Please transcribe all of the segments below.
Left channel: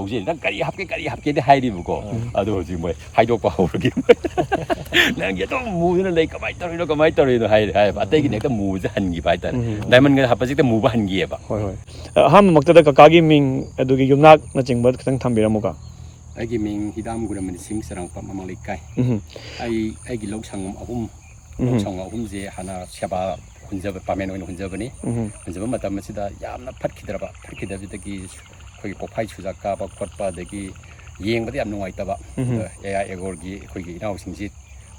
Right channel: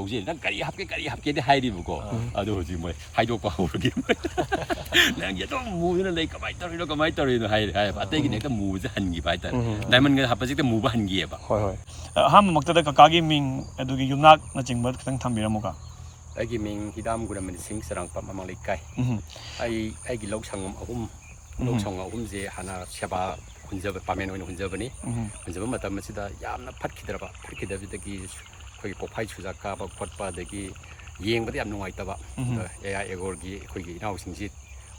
ꯍꯧꯖꯤꯛ ꯅꯪ ꯀꯔꯤ ꯍꯥꯞꯀꯦꯗꯤ ꯍꯥꯏꯔꯤꯕꯀꯣ ꯑꯗꯣ ꯍꯧꯖꯤꯛ ꯃꯣꯏ ꯍꯥꯏꯗꯣꯛꯄ ꯍꯧꯔꯒꯦ ꯅꯪꯒꯤ ꯑꯗꯨꯝ ꯃꯨꯗꯨꯅ ꯂꯩ ꯀꯃꯥꯏꯅ ꯇꯧꯔꯤꯅꯣ ꯍꯥꯏꯕ ꯑꯇꯩꯒꯤꯅ ꯍꯦꯛꯇ ꯃꯨꯕꯁꯦ ꯍꯟꯈꯤꯕ ꯍꯥꯏꯇꯥꯔꯦ ꯗꯥꯏꯃꯟꯒ ꯍꯥꯞꯄꯁꯦ ꯍꯦꯛꯇ ꯃꯨꯕ ꯍꯟꯈꯤꯑꯕ ꯑꯍꯥꯟꯕꯃꯛꯇꯗ ꯀꯀꯥꯒꯤ ꯃꯤꯡ ꯑꯗꯨꯒꯤ ꯌꯨꯝꯅꯥꯛꯅꯆꯤꯡꯕ ꯈꯤꯇꯪ ꯊꯝꯕꯤꯔꯝꯃꯨꯀꯣ ꯑꯩꯒꯤ ꯃꯤꯡ ꯍꯤꯗꯥꯝ ꯒꯨꯔꯃꯅꯤ ꯁꯤꯡ ꯆꯔꯥꯡꯄꯥꯠ ꯃꯃꯥꯡ ꯂꯩꯀꯥꯏ ꯑꯩꯒꯤ ꯂꯧ ꯁꯪꯉꯝ ꯑꯍꯨꯝꯁꯦ ꯍꯥꯟꯅ ꯁꯦꯕꯥ ꯍꯨꯟꯖꯕ ꯄꯥꯃꯦꯟ ꯑꯣꯏꯅ ꯍꯨꯟꯖꯕꯅꯤ ꯍꯨꯟꯖꯕ ꯃꯇꯝ ꯑꯁꯤꯗ ꯌꯥꯝꯅ ꯐꯠꯈꯤꯗꯕꯗꯒꯤ ꯑꯩꯈꯣꯏꯒꯤ ꯄꯣꯐꯥꯏ ꯆꯨꯖꯥꯛ ꯀꯥꯕ ꯈꯣꯠꯄ ꯑꯗꯒꯤ ꯌꯦꯡꯕꯗ ꯌꯥꯝ ꯅꯨꯡꯉꯥꯏꯇꯕ AI ꯑꯦꯒꯣꯔꯒꯤ ꯑꯩꯈꯣꯏꯒꯤ ꯏꯅꯥꯎꯁꯤꯡꯁꯤ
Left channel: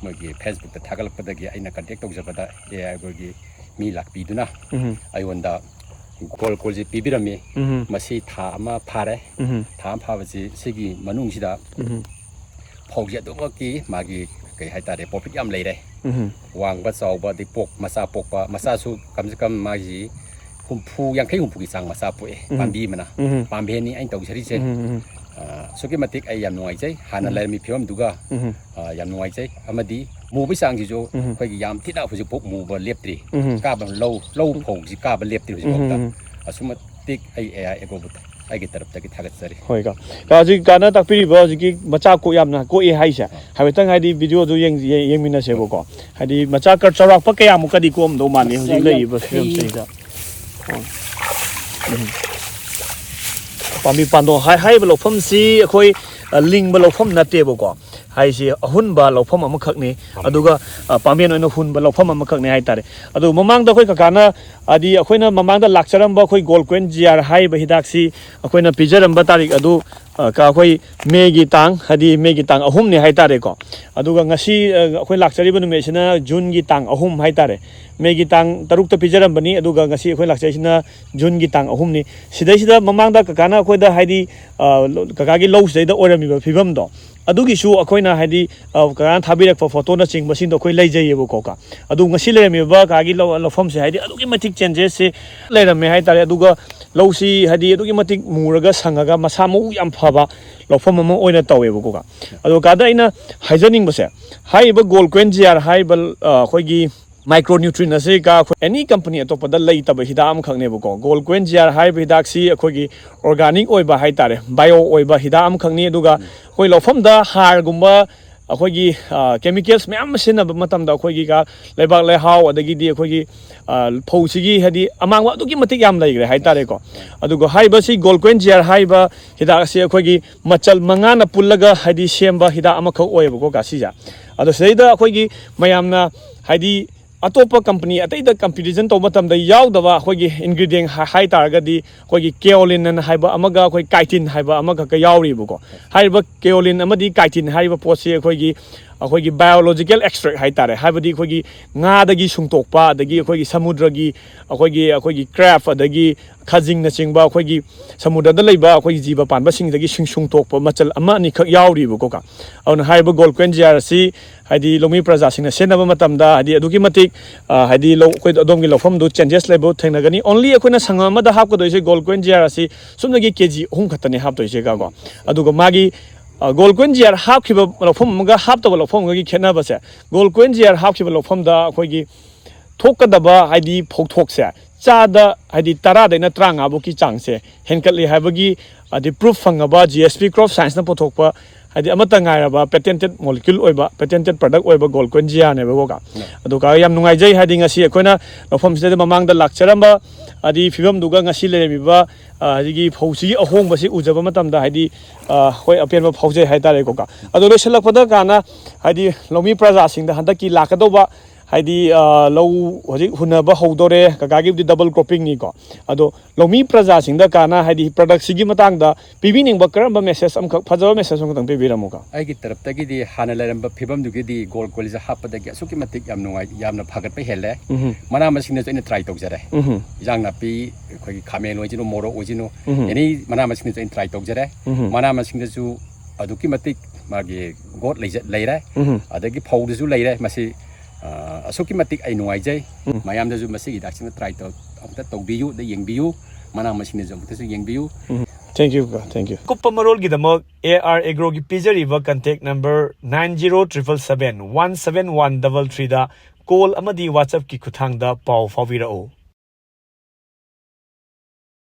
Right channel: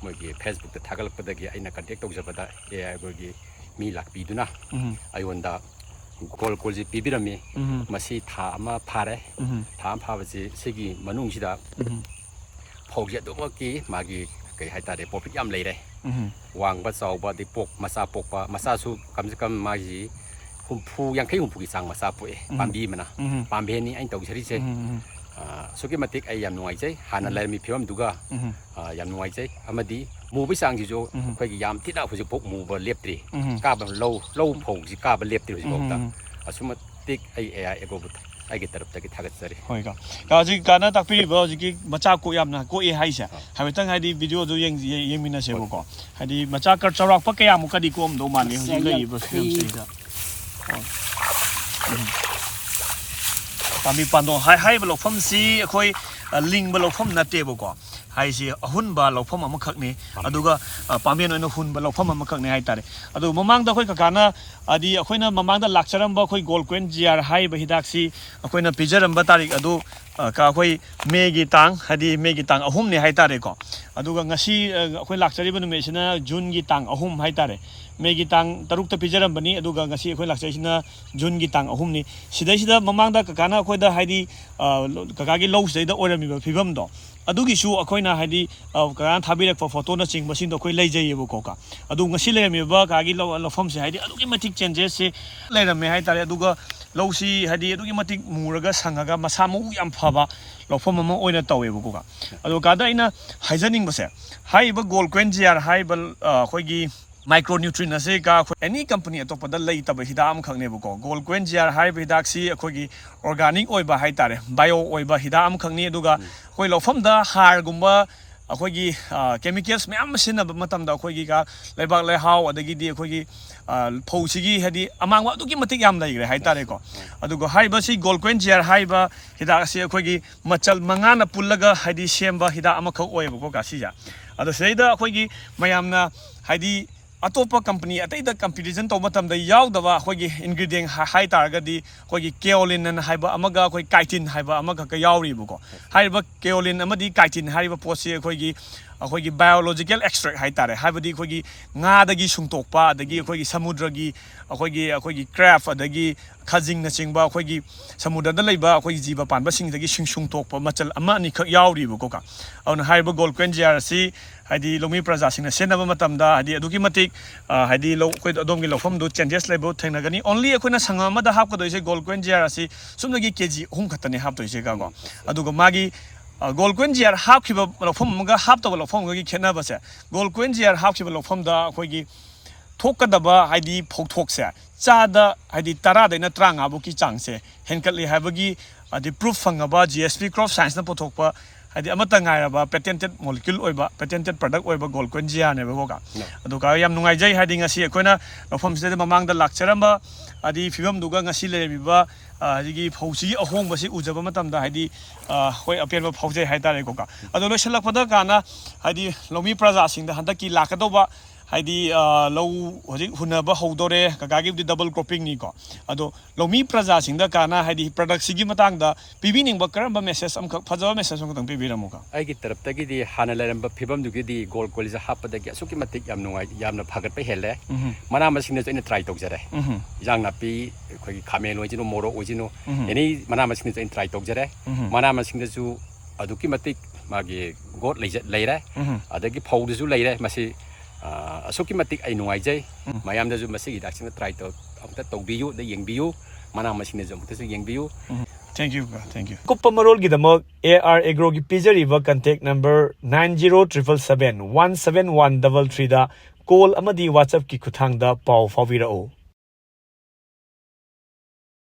ꯃꯣꯏꯒꯤ ꯐꯦꯁꯕꯨꯛꯇ ꯊꯥꯒꯠꯂꯛꯄꯗꯒꯤ ꯑꯩꯅ ꯀꯟꯇꯦꯛ ꯇꯧꯖꯕꯗ AI ꯑꯦꯒꯣꯔꯒꯤ ꯃꯤ ꯂꯥꯛꯄꯤꯗꯨꯅ ꯑꯩꯉꯣꯟꯗ ꯀꯣꯜꯁꯤ ꯄꯤꯕꯤꯔꯝꯃꯤ ꯃꯁꯤ ꯊꯥ ꯑꯃ ꯐꯥꯔꯦ ꯊꯥ ꯑꯃ ꯐꯥꯕꯁꯤ ꯁꯤꯒꯤ ꯃꯅꯨꯡꯁꯤꯗ ꯐꯧꯁꯤ ꯑꯗꯨꯃꯛꯀꯤ ꯃꯥꯒꯤ ꯀꯩ ꯍꯥꯏꯇꯥꯔꯦ ꯄ꯭ꯔꯣꯐꯤꯠ ꯌꯥꯝ ꯂꯩꯔꯦ ꯋꯥꯡꯕ ꯆꯥꯎꯕ ꯑꯗꯩ ꯃꯆꯥ ꯄꯣꯛꯄ ꯃꯆꯥꯁꯨ ꯀꯝꯁꯦ ꯀꯝ ꯃꯥꯒꯤ 50-60ꯒꯤ ꯆꯥꯡ ꯃꯆꯥ ꯄꯣꯛꯑꯦ ꯄꯥꯝꯕꯤ ꯑꯃꯅ ꯄꯥꯝꯕꯦꯟꯅꯤ ꯑꯩꯅ ꯇꯧꯖꯔꯤꯁꯦ ꯑꯁꯨꯛꯀꯤ ꯃꯇꯤꯛ ꯑꯩ ꯌꯥꯝ ꯅꯨꯡꯉꯥꯏꯖꯩ ꯍꯥꯟꯅ ꯂꯩꯔꯝꯃꯤ ꯐꯤꯕꯝꯗꯨꯒ ꯌꯥꯝ ꯅꯨꯡꯉꯥꯏꯖꯩ ꯑꯃꯗꯤ ꯃꯨꯕꯒꯤ ꯆꯥꯡꯁꯤꯁꯨ ꯑꯩꯈꯣꯏꯒꯤ ꯌꯥꯝ ꯊꯤꯅ ꯍꯧꯖꯤꯛꯐꯥꯎ ꯃꯨꯕ ꯂꯦꯞꯇ꯭ꯔꯤ ꯀꯥꯕ ꯂꯧ ꯐꯧꯁꯤ ꯀꯥꯕ ꯂꯦꯞꯇ꯭ꯔꯤ ꯍꯧꯖꯤꯛꯐꯥꯎꯗ ꯑꯁꯨꯛ ꯃꯇꯤꯛ ꯑꯩ AI ꯑꯦꯒꯣꯔꯕꯨ ꯑꯩꯒꯤ ꯇꯔꯞꯇꯒꯤ ꯊꯥꯒꯠꯆꯔꯤ ꯍꯣꯏ ꯍꯧꯖꯤꯛ ꯀꯥꯟꯅ ꯇꯥꯛꯄꯤꯔꯤꯕ ꯍꯧꯖꯤꯛꯀꯤ ꯃꯆꯥ ꯌꯥꯝꯅ ꯀꯣꯛꯑꯦ ꯍꯥꯏꯁꯦ ꯍꯥꯏꯐꯦꯠꯇꯪ ꯍꯥꯏꯗꯤ ꯚꯤꯗꯤꯑꯣꯗꯨ ꯌꯦꯡꯃꯤꯟꯅꯁꯦꯕꯀꯣ ꯍꯥꯏꯗꯤ ꯃꯆꯥ ꯆꯥꯎꯔꯥꯛꯄ ꯀꯌꯥꯃꯨꯛꯀꯗꯤ ꯀꯣꯛꯑꯝꯗꯧ ꯃꯥꯜꯂꯤ ꯍꯧꯖꯤꯛ ꯂꯩꯔꯤꯕ ꯐꯤꯕꯝꯁꯤꯗ ꯄꯥꯝꯕꯤ ꯄꯥꯟꯗꯣꯡ ꯍꯥꯏꯔꯤꯕ ꯂꯧꯐꯝꯁꯤ ꯑꯩꯈꯣꯏ ꯂꯤꯡꯕ ꯂꯧꯐꯝ ꯅꯠꯇꯦꯕꯀꯣ ꯍꯥꯏꯁꯤ ꯑꯍꯨꯟꯕ ꯂꯧꯐꯝ ꯑꯃꯈꯛꯅꯤ ꯑꯗꯨꯒ ꯄꯥꯝꯕꯦꯟ ꯑꯣꯏꯅ ꯍꯨꯟꯕ ꯂꯧꯐꯝ ꯑꯃꯈꯛꯅꯤ ꯍꯥꯏꯇꯥꯔꯦ ꯑꯗꯨ ꯃꯃꯥꯡꯗ ꯑꯩꯈꯣꯏ ꯀꯀꯥꯅ ꯍꯥꯏꯗꯤ ꯑꯩꯈꯣꯏꯅ ꯃꯃꯥꯡꯗ ꯂꯥꯛꯆꯔꯝꯕ ꯑꯩꯈꯣꯏ ꯒꯣꯜ ꯀꯣꯏꯟ GR ꯍꯥꯏꯔꯤꯕ ꯍꯤꯗꯥꯛꯁꯤ ꯑꯩꯈꯣꯏꯅ ꯄꯤꯖꯔꯝꯕ ꯇꯥꯔꯤꯛ ꯑꯗꯨ ꯑꯩꯈꯣꯏ ꯃꯦꯒꯤ ꯇꯥꯡ 3ꯅꯤ ꯍꯥꯏꯇꯥꯔꯦꯀꯣ ꯑꯗꯨꯒ ꯉꯁꯤ ꯑꯩꯈꯣꯏ ꯂꯥꯛꯆꯔꯤꯕ ꯅꯨꯃꯤꯠꯁꯤꯅ ꯖꯨꯟꯒꯤ ꯇꯥꯡ 3 ꯍꯥꯏꯇꯥꯔꯦ ꯃꯦꯒꯤ ꯇꯥꯡ 6ꯇ ꯄꯤꯖꯔꯝꯕꯅꯤ ꯑꯗꯨꯒ ꯉꯁꯤ ꯑꯩꯈꯣꯏ ꯂꯥꯛꯆꯔꯤꯁꯤꯅ ꯖꯨꯟꯒꯤ ꯇꯥꯡ 3ꯅꯤ ꯁꯤꯗꯩꯁꯤꯗ ꯃꯃꯥꯡꯗ ꯀꯀꯥꯅ ꯑꯩꯈꯣꯏꯗ ꯍꯥꯏꯗꯤ ꯀꯀꯥꯒꯤ ꯂꯧꯁꯤꯗꯩꯗ ꯑꯣꯏꯔꯝꯃꯤꯕ ꯐꯤꯕꯝꯗꯣ ꯑꯗꯨꯒꯤꯁꯨ ꯑꯩꯈꯣꯏꯅ ꯍꯥꯏꯗꯤ ꯀꯀꯥꯅ ꯊꯥꯕꯤꯔꯛꯄ ꯐꯣꯇꯣꯅꯆꯤꯡꯕꯁꯤꯡꯗꯣ ꯑꯩꯈꯣꯏ ꯂꯩꯖꯩꯌꯦꯕꯀꯣ ꯑꯗꯨ ꯉꯁꯤ ꯂꯩꯔꯝꯃꯤꯕ ꯀꯀꯥꯒꯤ ꯂꯧꯐꯝꯁꯦ ꯍꯥꯏꯗꯤ ꯑꯗꯨꯛꯀꯤ ꯃꯇꯤꯛ ꯆꯦꯟꯖꯦꯁꯁꯤ ꯂꯩꯔꯝꯃꯦ ꯍꯥꯏꯇꯥꯔꯦ ꯑꯗꯨꯒ ꯂꯧꯁꯤ ꯍꯥꯏꯗꯤ ꯑꯗꯨꯛꯀꯤ ꯃꯇꯤꯛ ꯃꯨꯔꯒ ꯁꯪꯉꯒ ꯃꯁꯥ ꯃꯎ ꯌꯥꯝ ꯐꯕ ꯂꯧꯐꯝ ꯑꯃ ꯑꯣꯏꯅ ꯇꯧꯋꯦꯕꯀꯣ ꯑꯗꯣ ꯀꯥꯗ ꯑꯩꯅ ꯍꯥꯏꯖꯅꯤꯡꯕꯁꯦ ꯍꯥꯏꯔꯤꯕ ꯒꯣꯜ ꯀꯣꯏꯟ GR ꯍꯥꯏꯔꯤꯕ ꯑꯩꯈꯣꯏꯒꯤ ꯃꯥꯏꯀ꯭ꯔꯣꯅ꯭ꯌꯨꯇ꯭ꯔꯤꯟ ꯑꯁꯤ ꯑꯦꯅꯤ ꯀꯝꯄꯅꯤ ꯑꯇꯣꯞꯄꯗ ꯂꯩꯇꯕ ꯍꯤꯗꯥꯛ ꯑꯃꯈꯛꯅꯦꯕꯀꯣ ꯒꯣꯜ ꯀꯣꯏꯟ GR ꯍꯥꯏꯔꯤꯕ ꯍꯤꯗꯥꯛꯁꯤ ꯑꯩꯈꯣꯏꯒꯤ ꯑꯣꯔꯒꯥꯅꯤꯛ ꯑꯣꯏꯕ ꯍꯥꯏꯇꯥꯔꯦ ꯕꯥꯏꯑꯣ ꯑꯣꯏꯕ ꯍꯤꯗꯥꯛ ꯑꯃꯈꯛꯅꯤ ꯑꯗꯨꯒ ꯑꯩꯈꯣꯏ ꯂꯧꯐꯝꯗ ꯍꯥꯔꯒꯨꯝꯕ ꯑꯩꯈꯣꯏꯒꯤ ꯀꯦꯃꯤꯀꯦꯜꯁ ꯃꯌꯥꯝ ꯁꯤꯖꯤꯟꯅꯕ ꯃꯇꯝꯗ ꯑꯩꯈꯣꯏꯒꯤ ꯂꯩꯕꯥꯛ ꯂꯩꯍꯥꯎ ꯑꯗꯒꯤꯗꯤ ꯑꯩꯈꯣꯏꯒꯤ ꯐꯧꯁꯤꯒꯤ ꯍꯥꯏꯗꯤ ꯑꯃꯥꯡꯕ ꯑꯗꯨꯛꯀꯤ ꯃꯇꯤꯛ ꯌꯥꯝ ꯂꯩꯈ꯭ꯔꯦ ꯍꯥꯏꯇꯥꯔꯦꯀꯣ ꯑꯗꯨꯒ ꯍꯥꯏꯔꯤꯕꯁꯤ ꯒꯣꯜ ꯀꯣꯏꯟ GR ꯍꯥꯏꯔꯤꯕ ꯍꯤꯗꯥꯛ ꯑꯁꯤ ꯑꯩꯈꯣꯏꯒꯤ ꯃꯆꯜ 5ꯅ ꯄꯨꯜꯂꯒ ꯍꯥꯏꯗꯤ ꯁꯦꯝꯕ ꯍꯤꯗꯥꯛ ꯑꯃꯈꯛ ꯑꯣꯏꯌꯦꯕꯀꯣ ꯀꯥꯁꯤꯁꯦ ꯑꯗꯣ ꯁꯤꯗꯩꯗ ꯑꯩꯈꯣꯏꯒꯤ ꯃꯌꯥꯝꯅ ꯍꯥꯏꯗꯤ ꯑꯇꯣꯞꯄ ꯀꯝꯄꯅꯤ ꯑꯇꯩꯗ ꯀꯝꯄꯤꯇꯤꯁꯟ ꯇꯧꯕ ꯃꯇꯝꯗ ꯌꯥꯎꯗꯕ ꯑꯩꯈꯣꯏꯒꯤ ꯏꯟꯒ꯭ꯔꯤꯗꯤꯌꯦꯟ ꯍꯥꯏꯇꯥꯔꯒꯗꯤ ꯑꯩꯈꯣꯏꯒꯤ ꯀꯦꯑꯣꯂꯤꯟ ꯍꯥꯏꯕ ꯑꯃꯒ ꯑꯩꯈꯣꯏ ꯀꯥꯏꯇꯤꯟ ꯍꯥꯏꯕ ꯑꯃꯈꯛꯀ ꯌꯥꯎꯔꯤꯕꯀꯣ ꯍꯥꯏꯔꯤꯕ ꯀꯦꯑꯣꯂꯤꯟ ꯑꯃꯗꯤ ꯀꯥꯏꯇꯤꯟ ꯍꯥꯏꯔꯤꯕ ꯄꯣꯠꯁꯤ ꯑꯩꯈꯣꯏꯒꯤ ꯕꯥꯏꯑꯣꯂꯣꯖꯤꯀꯦꯜ ꯑꯦꯛꯁꯇ꯭ꯔꯦꯛ ꯍꯥꯏꯇꯥꯔꯦ ꯍꯥꯏꯕꯗꯤ ꯑꯩꯈꯣꯏꯒꯤ ꯉꯥꯗꯒꯤ ꯁꯨꯡꯇꯣꯛꯄ ꯑꯗꯒꯤ ꯑꯩꯈꯣꯏꯒꯤ ꯁꯃꯨꯗ꯭ꯔꯒꯤ ꯑꯩꯈꯣꯏꯒꯤ ꯀ꯭ꯔꯦꯞ ꯑꯗꯒꯤ ꯈꯖꯤꯡꯅꯆꯤꯡꯕ ꯑꯩꯈꯣꯏꯒꯤ ꯁꯃꯨꯗ꯭ꯔꯗ ꯂꯩꯕ ꯑꯩꯈꯣꯏꯒꯤ ꯖꯤꯕ ꯄꯥꯟꯕꯁꯤꯡꯗꯒꯤ ꯁꯨꯡꯇꯣꯛꯄ ꯃꯆꯜ 1-2ꯈꯛ ꯌꯥꯎꯔꯤꯕꯀꯣ ꯑꯗꯨꯅ ꯍꯥꯏꯔꯤꯕ ꯒꯣꯜ ꯀꯣꯏꯟ GR ꯑꯁꯤ ꯍꯥꯏꯗꯤ ꯂꯧꯃꯤ ꯄ꯭ꯔꯖꯥꯁꯤꯡꯅ ꯁꯤꯖꯤꯟꯅꯕ ꯃꯇꯝꯗ ꯍꯥꯏꯗꯤ ꯑꯗꯨꯛꯀꯤ ꯃꯇꯤꯛ ꯍꯥꯏꯗꯤ ꯑꯩꯈꯣꯏ ꯑꯗꯣꯝꯒꯤ ꯂꯧꯐꯝꯗꯨ ꯆꯦꯟꯖꯦꯁ ꯂꯩꯕ ꯊꯦꯡꯅꯒꯅꯤ ꯑꯣꯟꯂꯤ ꯑꯩꯈꯣꯏꯅ ꯁꯪꯉꯝ ꯑꯃꯗ ꯍꯥꯞꯀꯗꯣꯏꯁꯦ ꯒꯣꯜ ꯀꯣꯏꯟ GR ꯑꯁꯤ ꯁꯨꯞꯅꯒꯤ KG 3 ꯈꯛꯇꯅꯤ ꯍꯥꯞꯇꯣꯏꯁꯦ ꯀꯣ ꯑꯗꯨꯒ ꯃꯥꯒꯤ ꯒꯣꯜ ꯀꯣꯏꯟ GR ꯍꯥꯞꯈꯤꯕ ꯂꯧꯐꯝ ꯑꯃꯒ ꯍꯥꯞꯇꯕ ꯂꯧꯐꯝ ꯑꯃꯒꯤ ꯈꯦꯠꯅꯕꯁꯦ ꯒꯣꯜ ꯀꯣꯏꯟ GR ꯍꯥꯞꯈꯤꯕ ꯂꯧꯐꯝꯗ ꯑꯩꯈꯣꯏꯒꯤ ꯊꯣꯛꯀꯗꯕ ꯍꯥꯏꯗꯤ ꯐꯧꯊꯣꯛꯁꯦ ꯆꯥꯗ ꯍꯥꯏꯗꯤ 10ꯗꯩꯅ 35ꯐꯥꯎꯒꯤ ꯆꯥꯡꯁꯦ ꯍꯦꯟꯀꯠꯂꯤ ꯍꯥꯏꯕꯒꯤ ꯍꯥꯏꯗꯤ ꯄ꯭ꯔꯨꯐ ꯐꯪꯉꯕ GSP ꯀ꯭ꯔꯣꯞ ꯁꯥꯏꯟꯁꯅ ꯄꯨꯊꯣꯛꯄ ꯍꯥꯏꯗꯤ ꯑꯃꯠꯇ ꯉꯥꯏꯔꯕ ꯄꯦꯇꯦꯟꯇꯦꯠ ꯃꯣꯂꯤꯀ꯭ꯌꯨꯜ ꯑꯣꯏꯕ ꯄꯦꯇꯦꯟꯇꯦꯠ ꯄ꯭ꯔꯗꯛ ꯑꯣꯏꯕ ꯒꯣꯜ ꯀꯣꯏꯟ GRꯅꯦꯕꯀꯣ ꯑꯗꯨꯒ ꯌꯥꯝ ꯅꯨꯡꯉꯥꯏꯖꯩ ꯍꯥꯏꯗꯤ ꯉꯁꯤ ꯑꯩꯈꯣꯏꯅ ꯃꯐꯝꯁꯤꯗ ꯃꯃꯥꯡꯗ ꯂꯥꯛꯆꯔꯝꯕ ꯍꯥꯏꯗꯤ ꯐꯤꯕꯝꯗꯨꯒ ꯉꯁꯤ ꯂꯩꯔꯝꯃꯤꯕ ꯍꯥꯏꯗꯤ ꯐꯧꯁꯤꯒꯤ ꯑꯍꯣꯡꯕꯁꯤ ꯎꯖꯕ ꯃꯇꯝꯗ ꯍꯥꯏꯗꯤ ꯍꯣꯏ ꯑꯄꯦꯟꯕ ꯐꯥꯎꯖꯩ ꯍꯥꯏꯇꯥꯔꯦꯀꯣ ꯑꯗꯣ ꯂꯣꯏꯁꯤꯜꯂꯛꯄꯗ ꯀꯥꯟꯅ ꯍꯥꯏꯗꯤ ꯂꯧꯃꯤ ꯄ꯭ꯔꯖꯥꯁꯤꯡꯗ ꯍꯟꯗꯛꯀꯤ ꯂꯥꯛꯀꯗꯧꯕ ꯍꯥꯏꯗꯤ ꯂꯧ ꯍꯧꯖꯤꯛ ꯍꯨꯟꯅꯕ ꯍꯧꯗꯣꯔꯦ ꯀꯀꯥꯒꯤꯕꯨꯗꯤ ꯗꯕꯜ ꯀ꯭ꯔꯣꯞꯄꯤꯡꯅꯤꯀꯣ ꯑꯗꯣ ꯂꯧꯃꯤ ꯄ꯭ꯔꯖꯥꯁꯤꯡꯗ ꯀꯥꯟꯅ ꯍꯥꯏꯗꯤ ꯄ꯭ꯔꯗꯛꯁꯤꯒꯤ ꯃꯇꯥꯡꯗ ꯄꯤꯕꯤꯅꯤꯡꯕ ꯀꯔꯝꯕ ꯃꯦꯁꯦꯖ ꯑꯃꯈꯛ ꯐꯖꯕ ꯃꯦꯁꯦꯖ ꯑꯃꯈꯛꯇꯪ ꯄꯤꯕꯤꯔꯝꯃꯨꯀꯣ ꯑꯩꯒꯤ ꯇꯔꯞꯇꯒꯤꯗꯤ ꯍꯥꯟꯅ ꯂꯩꯔꯝꯕ ꯐꯤꯕꯝꯗꯨꯒꯤꯗꯤ ꯒꯣꯜ ꯀꯣꯏꯟꯁꯦ ꯍꯥꯞꯄꯗꯒꯤ ꯑꯁꯨꯛꯀꯤ ꯃꯇꯤꯛ ꯌꯥꯝ ꯅꯨꯡꯉꯥꯏ ꯌꯥꯝꯅ ꯐꯒꯠꯄ ꯍꯦꯜꯂꯦ ꯃꯅꯥ ꯃꯁꯤꯡꯅꯁꯨ ꯑꯩꯅ ꯇ꯭ꯔꯥꯏ ꯇꯧꯖꯔꯦ ꯏꯟꯖꯥꯡ ꯅꯥꯄꯤ ꯑꯩꯈꯣꯏꯒꯤ ꯈꯥꯃꯦꯟ ꯑꯣꯏꯁꯤꯅꯨ ꯃꯣꯔꯣꯛ ꯑꯣꯏꯁꯤꯅꯨ ꯑꯦꯅꯤ ꯃꯅꯥ ꯃꯁꯤꯡꯅꯁꯨ ꯑꯩꯅ ꯇ꯭ꯔꯥꯏ ꯇꯧꯖꯔꯦ ꯃꯅꯥ ꯃꯁꯤꯡꯗꯁꯨ ꯑꯗꯨꯛꯀꯤ ꯃꯇꯤꯛ ꯃꯥꯒꯤ ꯒꯣꯠ ꯂꯩꯔꯦ ꯑꯗꯒꯤ ꯐꯧꯗꯁꯨ ꯂꯩꯔꯦ ꯃꯁꯤ ꯑꯁꯨꯛꯀꯤ ꯃꯇꯤꯛ ꯑꯩ ꯅꯨꯡꯉꯥꯏꯖꯩ ꯃꯌꯥꯝꯗꯁꯨ ꯃꯁꯤꯒꯤ ꯍꯤꯗꯥꯛꯁꯤꯅ ꯇ꯭ꯔꯥꯏ ꯑꯃꯨꯛꯇ ꯇꯧꯕꯤꯌꯨ ꯌꯦꯡꯕꯤꯌꯨ ꯃꯅꯥ ꯃꯁꯤꯡꯅꯁꯨ ꯑꯃꯨꯛꯇꯁꯨ ꯌꯦꯡꯕꯤꯌꯨ Thank you. ꯀꯨꯞꯄ ꯃꯔꯣꯜꯒꯤꯗꯃꯛ AR Agroꯒꯤ ꯄꯤꯖꯔꯤꯕ ꯀꯟꯇꯦꯛ ꯅꯝꯕꯔ 9077717133ꯗ ꯀꯣꯜ ꯑꯃꯗꯤ WhatsAppꯀꯤ ꯈꯨꯠꯊꯥꯡꯗ ꯄꯥꯎ ꯐꯥꯎꯕꯤꯔꯛꯎ